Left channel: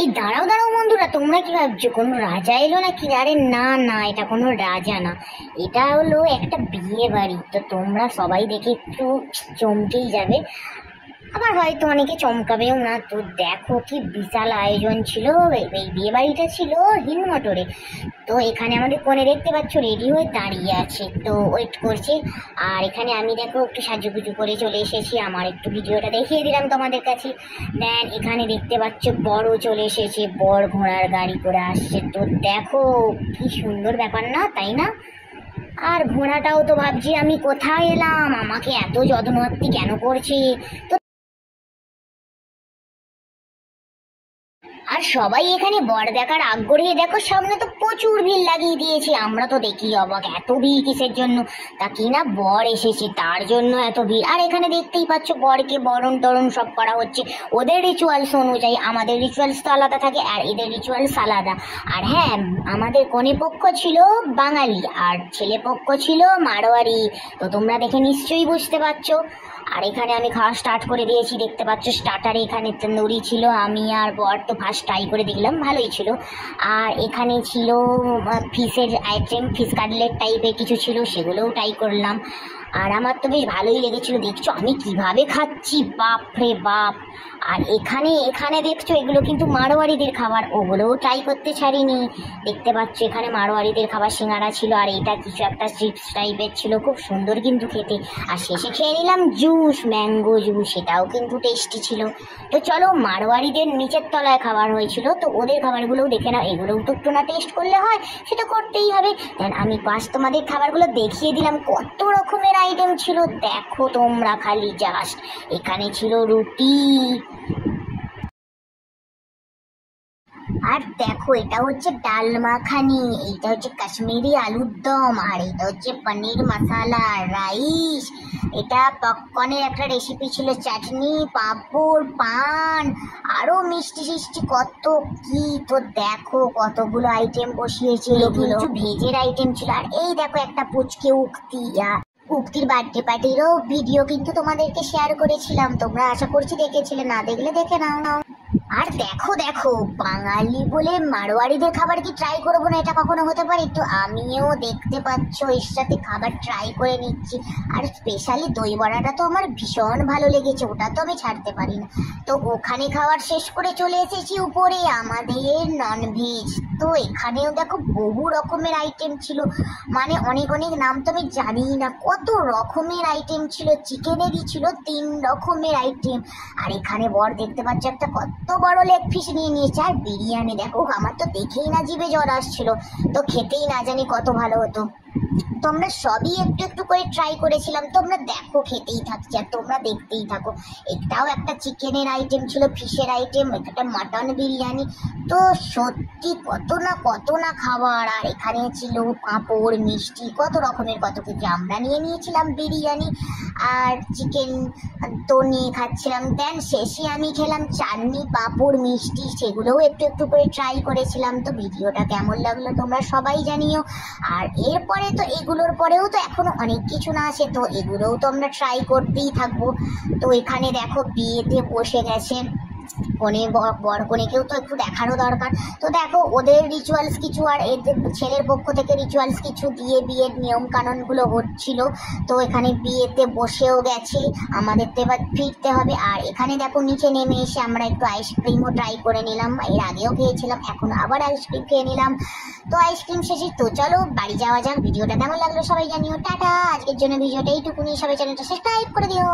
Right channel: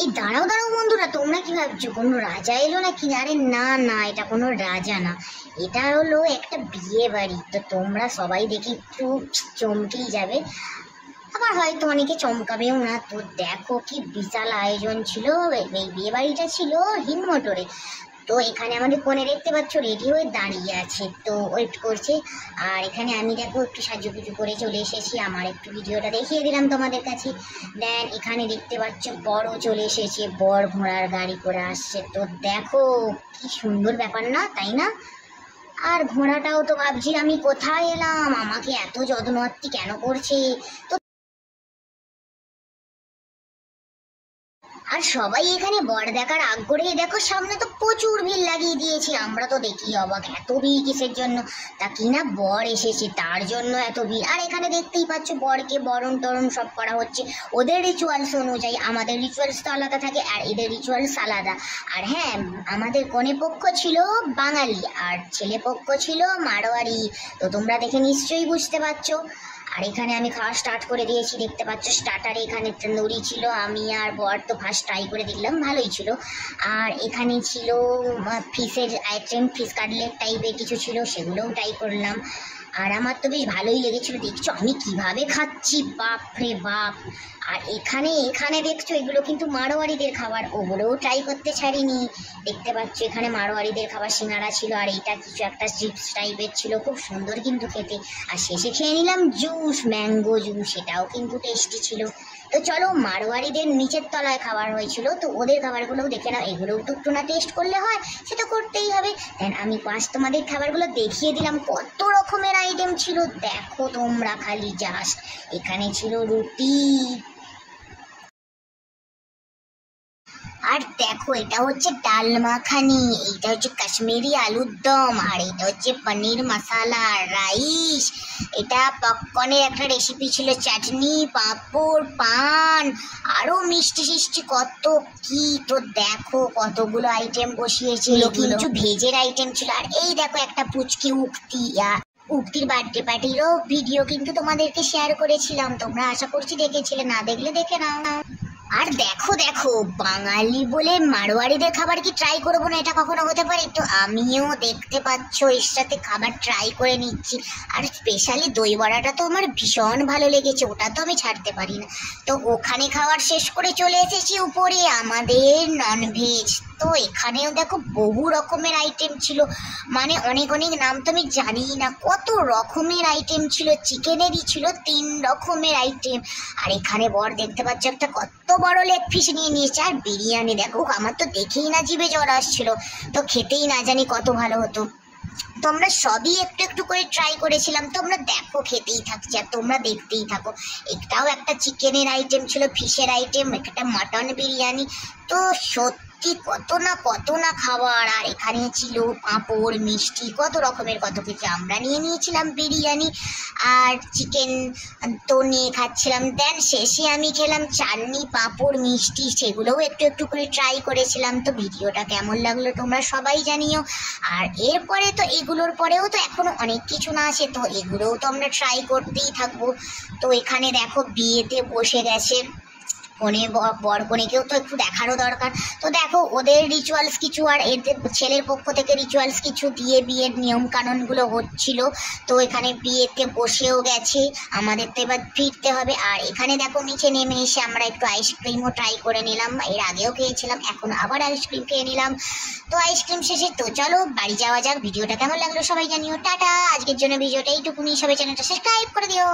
এই দাঁড়াও দাঁড়াও বন্ধুরা, তোমরা কি ভাবছো কোনো রাজা এলো নাকি? আরে না না, এটা কোনো রাজা না, এটা হলো একটা বিয়ে বাড়ি। তো তোমরা সবাই দেখে একটু চমকেই যাবে, আবার হয়তো অনেকে চমকাবেও না। তো দেখো কি বিশাল আয়োজন ছিল। এই বিয়ে বাড়িটা ছিল হিন্দমটরে। তো এখানে আমাদের কোণে দেখতে পাচ্ছ রেডি হয়ে দাঁড়িয়ে আছে, তো ওয়েট করছি। আর এখানে আমি দেখো একটু সাজুগুজু করে চলে এসেছি, আমার একটু ভিডিওটা দেখিয়ে দিলাম তোমাদের কাছে। দেন এখানে দেখতে পাচ্ছ বড় চলে এসেছে, বর ঘোড়ার গাড়ি করে আসছে। তো দেখো কি সুন্দর ব্যাপার না, তাই না? আর ঘোড়াটাও তো ভাবছি আমি কোথায় এলাম, আমাকে এত যত্নআত্তি কেন করছে। তো আর সবাই এখানে বর দেখার আগ্রহে দেখো সামনে তো প্রচুর ভিড় লাগিয়ে দিয়েছে। আমরা তো দেখি অবাক, এত ভিড় কিসের জন্য? তা কি না বর এসেছে তার জন্য এত ভিড়। আর এখানে দেখতেই পাচ্ছ বরকে বরণ টরণ সব করা হচ্ছে ওদের রিচুয়ালস অনুযায়ী। আমাদের রিচুয়ালস তো আলাদা থাকে আর এদের রিচুয়ালস আলাদা। আর হ্যাঁ, আমাদের কনে পক্ষ ছিল বাঙালি আর ছেলে পক্ষ ছিল মারোয়ারি। তো তোমরা দেখে নিশ্চয়ই বুঝতে পারছো। আর এখানে আমি খাওয়া স্টার্ট করে দিয়েছি, দেখতে পাচ্ছ স্টার্টারে এখানে তন্দুরি ছিল। আমি আর বর তো ফার্স্ট ট্রাই করে দেখলাম, ভালোই ছিল। আর এখানে ছিল ফিশের আইটেম, ফিশ কাটলেট টাইপের কিছু ছিল, সেগুলোও ট্রাই করলাম। আর আমার তো বেশ ভালোই লেগেছিল। দেখছো আমি কিভাবে খাচ্ছি, বাপ রে বাপ। আর এখানে এখানে দেখছো এগুলো কিন্তু মারোয়ারিদের খাবার, ওগুলোও ট্রাই করতে ছাড়িনি। দেখতে পাচ্ছ এখানে মারোয়ারিদের খাবার সিঙ্গারা ছিল, আর এটা কিছু একটা চিপস টাইপের ছিল, খুব সুন্দর কিন্তু খেতে। আর শেষে খেয়ে নিলাম জুস, ম্যাঙ্গো জুস, সেটাও কিন্তু টেস্টি ছিল। তো চলো, মারোয়ারিদের নিচের তলায় খাবার হয়েছিল, তো ওদের খাবারগুলোও দেখে নাও। এগুলোও তো একটু না টেস্ট করলে হয়, সেটা করতেই হবে। দেন আমি ফার্স্ট তোমাদের খাবারগুলো দেখিয়ে দিলাম, কত রকমের আইটেম ছিল দেখো তোমরা খালি জাস্ট। এখানে ছিল রুটি, আর দেখো এটা হচ্ছে ডাল মাখানি, এইটা হচ্ছে কাশ্মীরি আলুর দম, আর এটা হচ্ছে পনির মশালা রাইস। এটা পপকর্নের একটা রেসিপি ছিল, চাটনি, পাঁপড়, পান, আরো মিষ্টি সিষ্টি কত কি। তো দেখো কতগুলো আইটেম বসিয়েছে, কিছু ভেজের আইটেম ছিল। আর এই দেখো একটা পুচকে উক্তি, উক্তির বার্থডে পার্টিরও ভিডিও কিন্তু তোমাদেরকে শেয়ার করেছিলাম, তোমরা আশা করছি দেখেছিলে, না দেখলে দেখে নাও। আর দেখো দেখো, বাঙালি বলে মারোয়ারিদের খাবার কি ট্রাই করবো না, এটা কখনো হতে পারে? তো আমিও দেখতে পাচ্ছ এর সাথে খাবার ট্রাই করে নিচ্ছি। আর স্পেশালি দই বড়াটা তো আমার ভীষণ ভালো লেগেছে, ওটা তো আমি ছাড়তে পারি না। তো ওখানে খাবার শেষ করে চলে এসেছি উপরে আমাদের ননভেজ। তো এখানেও দেখো বহু রকমের আইটেম ছিল, মানে অনেক অনেক নাম তো আমি জানি না, কত রকমের আইটেম ছিল। চিকেনেরই ছিল 3 রকমের আইটেম। আর এখানে বর দেখতে পাচ্ছ একটা কত বড় লেগ পিস নিয়ে নিয়েছে। আর বিরিয়ানি দেখো, আমার তো দেখেই না জিভে জল আসছিল, তো খেতেই না জানি কত ভালো হতো। তোমরা সবই একটু একটু করে ট্রাই করেছিলাম, তোমরা দেখো খেতেই থাকছি আর তোমরা দেখতেই থাকো। এটাও একটা চিকেনের আইটেম ছিল, ফিশের আইটেম, একটা মাটন বিরিয়ানি। তো সত্যি কত না খাবার। আর এখানে ছিল পাঁপড়, মিষ্টি, কত রকমের কত কিছু। আমরা নিয়ে নিয়েছিলাম বিরিয়ানি আর চিকেন, তো নিয়ে খাচ্ছিলাম। দেন শেষে আমি খেলাম চাটনি, পাঁপড়, মিষ্টি, সেগুলোও একটু একটু করে ট্রাই করেছিলাম। তো ভিডিওটা কেমন লাগলো তোমরা সবাই জানিও। আর এরপরে তো এগুলোর পরেও তো এখনো অনেক কিছু না আছে, তো এগুলোও তো আমরা ট্রাই করতেই থাকবো। তো এখানে দেখো বিয়েতে বসে গেছে কনে, বর কনেকেও তো একটু দেখানো দরকার। তো দেখো ওদের রিচুয়ালস কিছু আর এদের ছেলের পক্ষ থেকে রিচুয়ালস কিছু দিয়ে বিয়ের নিয়ম কানুনগুলো হচ্ছিল। তো এখানে বিয়েতে বসেও গেছে, আমাদের তো এবার ফিরতে হবে। আর এখানে দেখো নিচে নেমে এসে আমরা একটু আইসক্রিমও ট্রাই করে নিলাম, এর আগেও খেয়েছিলাম, এখন আবার আইসক্রিম খেয়ে নিলাম। তো আইসক্রিম শেষে তো চলো বাড়ি যাওয়া যাক। ভিডিওটা কেমন লাগলো সবাই জানিও। টাটা, আজকের জন্য ভিডিওটা এইটুকুনি, সবাই চ্যানেলটা সাবস্ক্রাইব করে দিও।